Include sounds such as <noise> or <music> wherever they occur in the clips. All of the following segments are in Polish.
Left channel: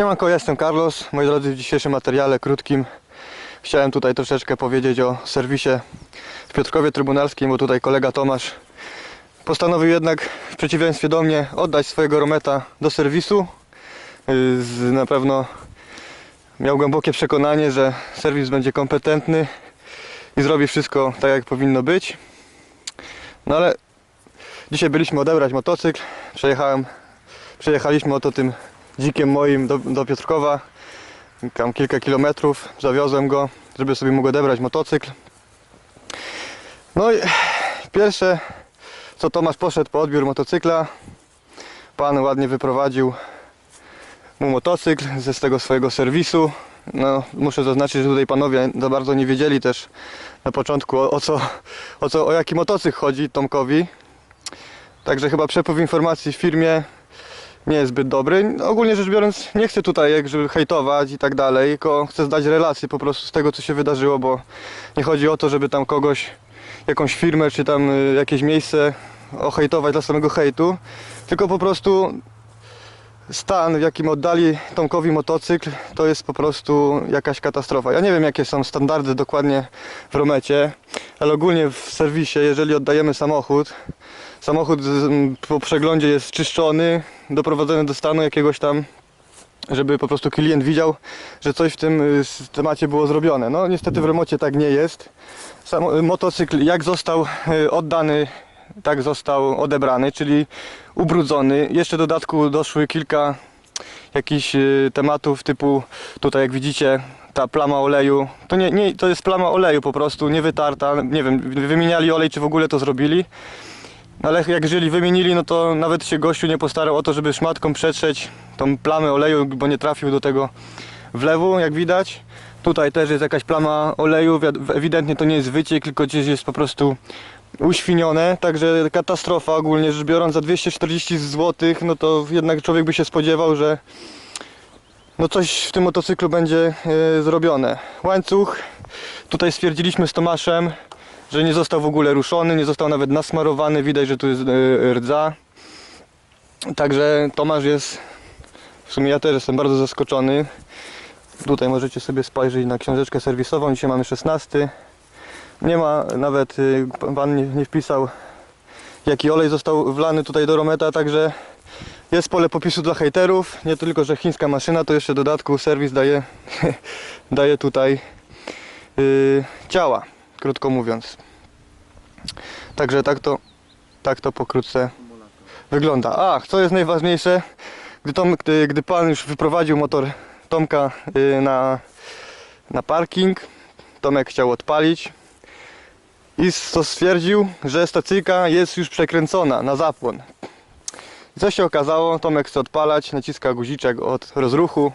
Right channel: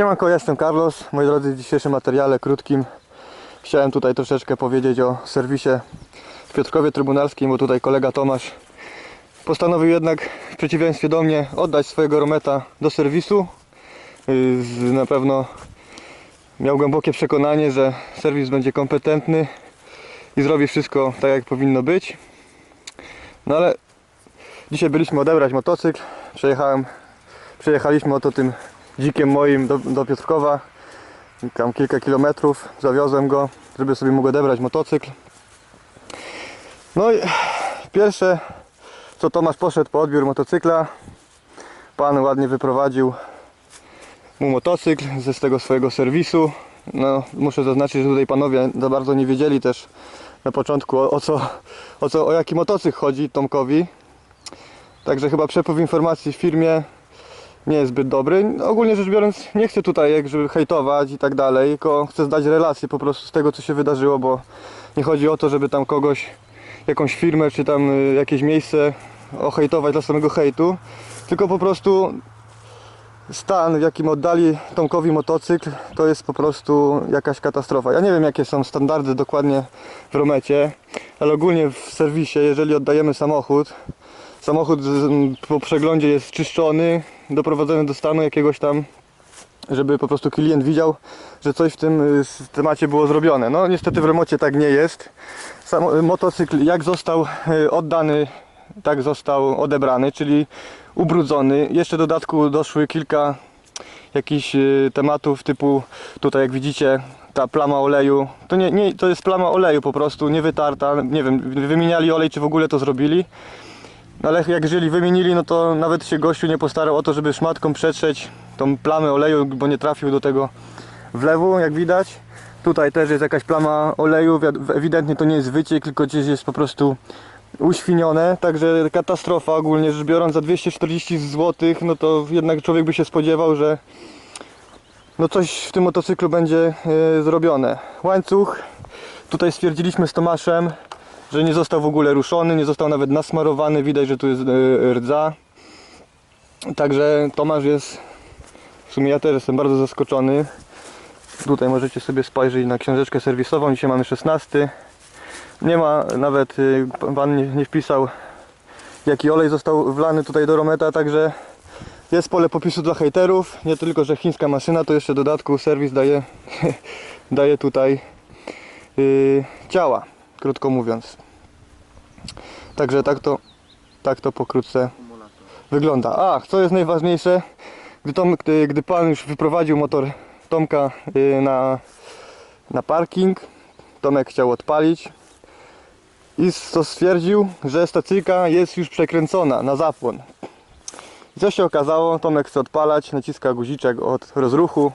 Siemanko, jestem Carlos. Moi drodzy, w dzisiejszym materiale krótkim chciałem tutaj troszeczkę powiedzieć o serwisie w Piotrkowie Trybunalskim, bo tutaj kolega Tomasz postanowił jednak w przeciwieństwie do mnie oddać swojego Rometa do serwisu. Z, na pewno miał głębokie przekonanie, że serwis będzie kompetentny i zrobi wszystko tak jak powinno być. No ale dzisiaj byliśmy odebrać motocykl. Przejechałem, przejechaliśmy oto tym dzikiem moim do, do Piotrkowa. Tam kilka kilometrów. Zawiozłem go, żeby sobie mógł odebrać motocykl. No i pierwsze co Tomasz poszedł po odbiór motocykla. Pan ładnie wyprowadził mu motocykl ze tego swojego serwisu. No, muszę zaznaczyć, że tutaj panowie za bardzo nie wiedzieli też na początku o, o co, o co, o jaki motocykl chodzi Tomkowi. Także chyba przepływ informacji w firmie nie jest zbyt dobry. Ogólnie rzecz biorąc, nie chcę tutaj jakby hejtować i tak dalej, tylko chcę zdać relację po prostu z tego, co się wydarzyło, bo nie chodzi o to, żeby tam kogoś, jakąś firmę, czy tam y, jakieś miejsce ohejtować dla samego hejtu, tylko po prostu stan, w jakim oddali Tomkowi motocykl, to jest po prostu jakaś katastrofa. Ja nie wiem, jakie są standardy dokładnie w Romecie, ale ogólnie w serwisie, jeżeli oddajemy samochód, samochód z- po przeglądzie jest czyszczony, doprowadzony do stanu jakiegoś tam, żeby po prostu klient widział, że coś w tym y, temacie było zrobione. No niestety w remocie tak nie jest. Sam y, motocykl jak został y, oddany, tak został odebrany, czyli ubrudzony. Jeszcze w dodatku doszły kilka jakichś tematów typu tutaj jak widzicie ta plama oleju, to nie, nie to jest plama oleju po prostu, nie wytarta, nie wiem, wymieniali olej czy w ogóle to zrobili. Ale jak jeżeli wymienili, no to nawet się gościu nie postarał o to, żeby szmatką przetrzeć tą plamę oleju, bo nie trafił do tego wlewu, jak widać. Tutaj też jest jakaś plama oleju, ewidentnie to nie jest wyciek, tylko gdzieś jest po prostu uświnione, także katastrofa ogólnie rzecz biorąc za 240 zł, no to jednak człowiek by się spodziewał, że no coś w tym motocyklu będzie e, zrobione. Łańcuch, tutaj stwierdziliśmy z Tomaszem, że nie został w ogóle ruszony, nie został nawet nasmarowany, widać, że tu jest e, rdza. Także Tomasz jest, w sumie ja też jestem bardzo zaskoczony. Tutaj możecie sobie spojrzeć na książeczkę serwisową, dzisiaj mamy 16. Nie ma nawet, y, pan nie, nie wpisał jaki olej został wlany tutaj do Rometa, także jest pole popisu dla hejterów. Nie tylko, że chińska maszyna, to jeszcze dodatku serwis daje, <laughs> daje tutaj yy, ciała, krótko mówiąc. Także tak to, tak to pokrótce wygląda. Ach, co jest najważniejsze, gdy, Tom, gdy, gdy pan już wyprowadził motor Tomka yy, na, na parking, Tomek chciał odpalić i to stwierdził, że stacyjka jest już przekręcona na zapłon. Co się okazało? Tomek chce odpalać, naciska guziczek od rozruchu,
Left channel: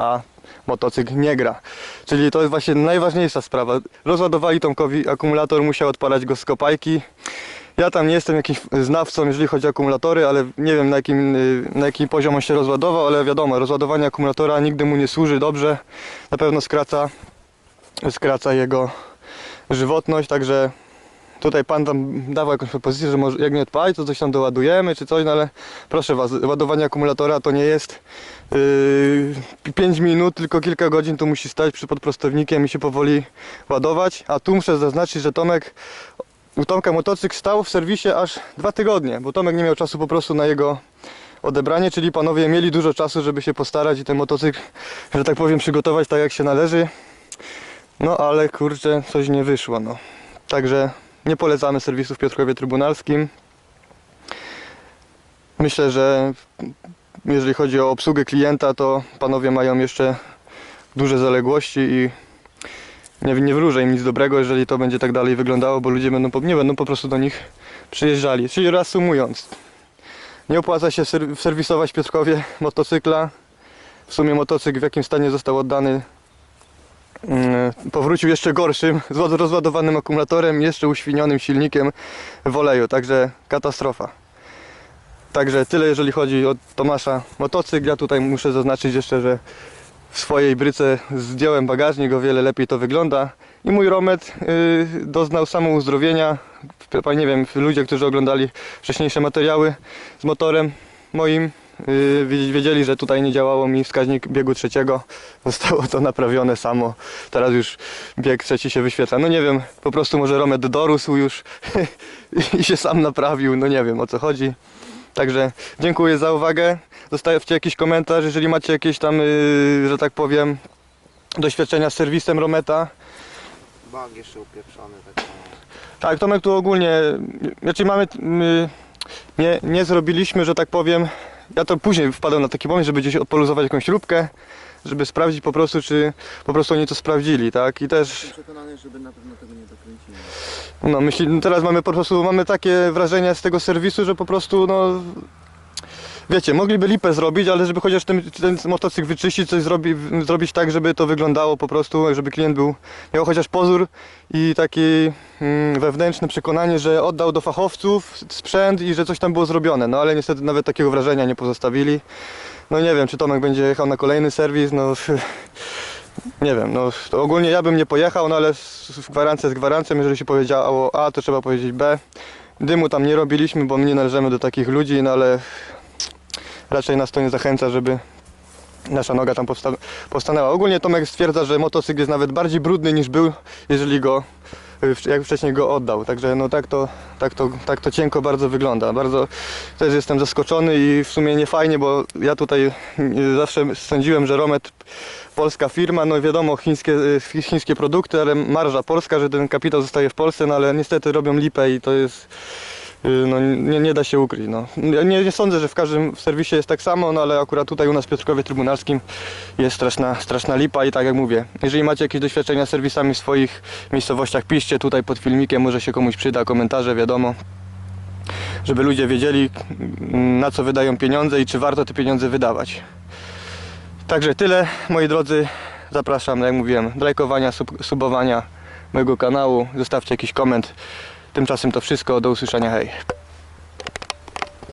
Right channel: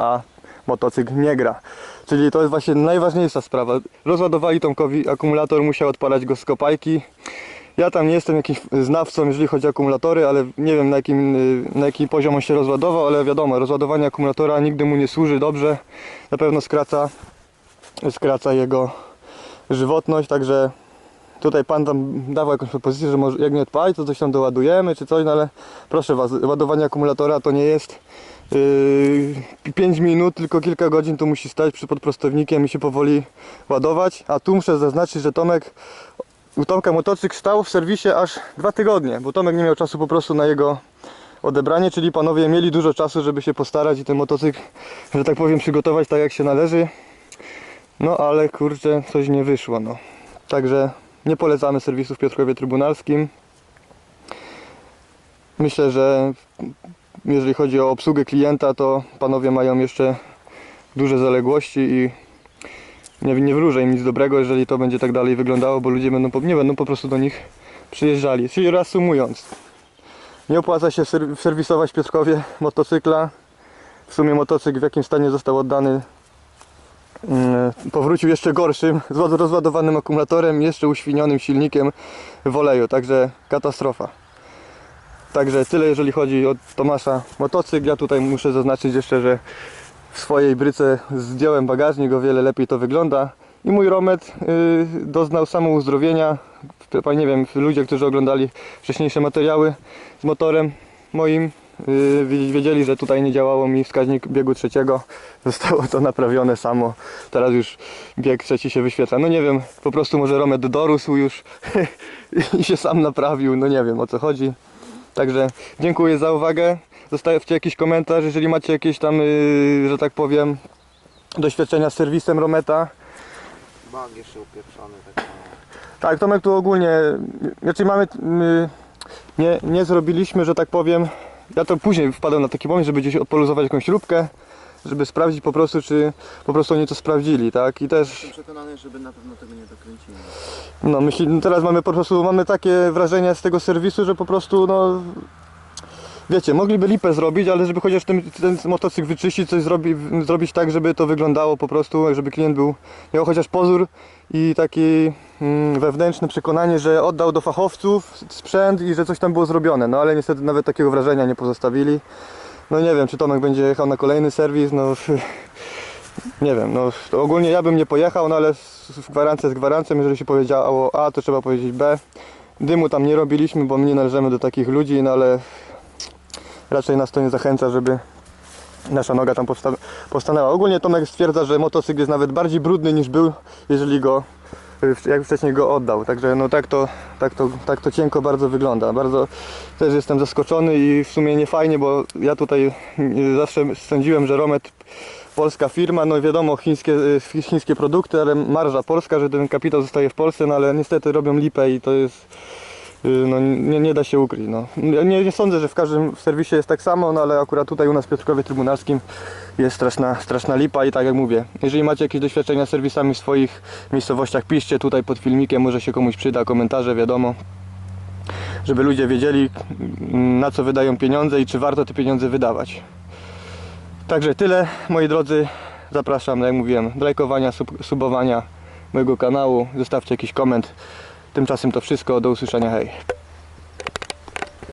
a motocykl nie gra. Czyli to jest właśnie najważniejsza sprawa. Rozładowali Tomkowi akumulator, musiał odpalać go z kopajki. Ja tam nie jestem jakimś znawcą, jeżeli chodzi o akumulatory, ale nie wiem na jakim, y, na jaki poziom on się rozładował, ale wiadomo, rozładowanie akumulatora nigdy mu nie służy dobrze. Na pewno skraca, skraca jego żywotność, także tutaj pan tam dawał jakąś propozycję, że może jak nie odpali, to coś tam doładujemy czy coś, no ale proszę was, ładowanie akumulatora to nie jest yy, 5 minut, tylko kilka godzin tu musi stać przed podprostownikiem i się powoli ładować, a tu muszę zaznaczyć, że Tomek u Tomka motocykl stał w serwisie aż dwa tygodnie, bo Tomek nie miał czasu po prostu na jego odebranie, czyli panowie mieli dużo czasu, żeby się postarać i ten motocykl, że tak powiem, przygotować tak jak się należy. No ale kurczę, coś nie wyszło, no. Także nie polecamy serwisu w Piotrkowie Trybunalskim. Myślę, że jeżeli chodzi o obsługę klienta, to panowie mają jeszcze duże zaległości i nie, nie wróżę im nic dobrego, jeżeli to będzie tak dalej wyglądało, bo ludzie będą, nie będą po prostu do nich przyjeżdżali. Czyli reasumując, nie opłaca się ser- serwisować Piotrkowie motocykla. W sumie motocykl w jakim stanie został oddany powrócił jeszcze gorszym, <laughs> z ład- rozładowanym akumulatorem, jeszcze uświnionym silnikiem w oleju, także katastrofa. Także tyle jeżeli chodzi o Tomasza motocykl. Ja tutaj muszę zaznaczyć jeszcze, że w swojej bryce zdjąłem bagażnik, o wiele lepiej to wygląda. I mój Romet y, doznał samouzdrowienia. Nie wiem, ludzie, którzy oglądali wcześniejsze materiały z motorem moim, yy, wiedzieli, że tutaj nie działało mi wskaźnik biegu trzeciego. <laughs> Zostało to naprawione samo. Teraz już bieg trzeci się wyświetla. No nie wiem, po prostu może Romet dorósł już <laughs> i się sam naprawił. No nie wiem o co chodzi. Także dziękuję za uwagę. Zostawcie jakiś komentarz, jeżeli macie jakieś tam, yy, że tak powiem, doświadczenia z serwisem Rometa. Bag jeszcze upieprzony, tak. Tak, Tomek tu ogólnie, znaczy mamy, my nie, nie zrobiliśmy, że tak powiem, ja to później wpadłem na taki pomysł, żeby gdzieś odpoluzować jakąś śrubkę, żeby sprawdzić po prostu, czy po prostu oni to sprawdzili, tak, i też, Jestem przekonany, żeby na pewno tego nie dokręcili. no myśli, no teraz mamy po prostu, mamy takie wrażenie z tego serwisu, że po prostu, no, wiecie, mogliby lipę zrobić, ale żeby chociaż ten, ten motocykl wyczyścić, coś zrobi, zrobić tak, żeby to wyglądało po prostu, żeby klient był, miał chociaż pozór i taki mm, wewnętrzne przekonanie, że oddał do fachowców sprzęt i że coś tam było zrobione, no ale niestety nawet takiego wrażenia nie pozostawili. No nie wiem, czy Tomek będzie jechał na kolejny serwis, no <laughs> nie wiem, no ogólnie ja bym nie pojechał, no ale gwarancja jest gwarancją, jeżeli się powiedziało A, to trzeba powiedzieć B. Dymu tam nie robiliśmy, bo my nie należymy do takich ludzi, no ale raczej nas to nie zachęca, żeby nasza noga tam powsta- powstanęła. Ogólnie Tomek stwierdza, że motocykl jest nawet bardziej brudny niż był, jeżeli go y, jak wcześniej go oddał. Także no tak to, tak to, tak to cienko bardzo wygląda. Bardzo też jestem zaskoczony i w sumie nie fajnie, bo ja tutaj y, zawsze sądziłem, że Romet polska firma, no wiadomo chińskie, y, chińskie produkty, ale marża polska, że ten kapitał zostaje w Polsce, no ale niestety robią lipę i to jest no, nie, nie da się ukryć. No. Ja Nie, nie sądzę, że w każdym serwisie jest tak samo, no ale akurat tutaj u nas w Piotrkowie Trybunalskim jest straszna, straszna lipa i tak jak mówię, jeżeli macie jakieś doświadczenia z serwisami w swoich miejscowościach, piszcie tutaj pod filmikiem, może się komuś przyda, komentarze, wiadomo. Żeby ludzie wiedzieli na co wydają pieniądze i czy warto te pieniądze wydawać. Także tyle, moi drodzy. Zapraszam, jak mówiłem, do lajkowania, sub, subowania mojego kanału. Zostawcie jakiś koment. Tymczasem to wszystko. Do usłyszenia. Hej.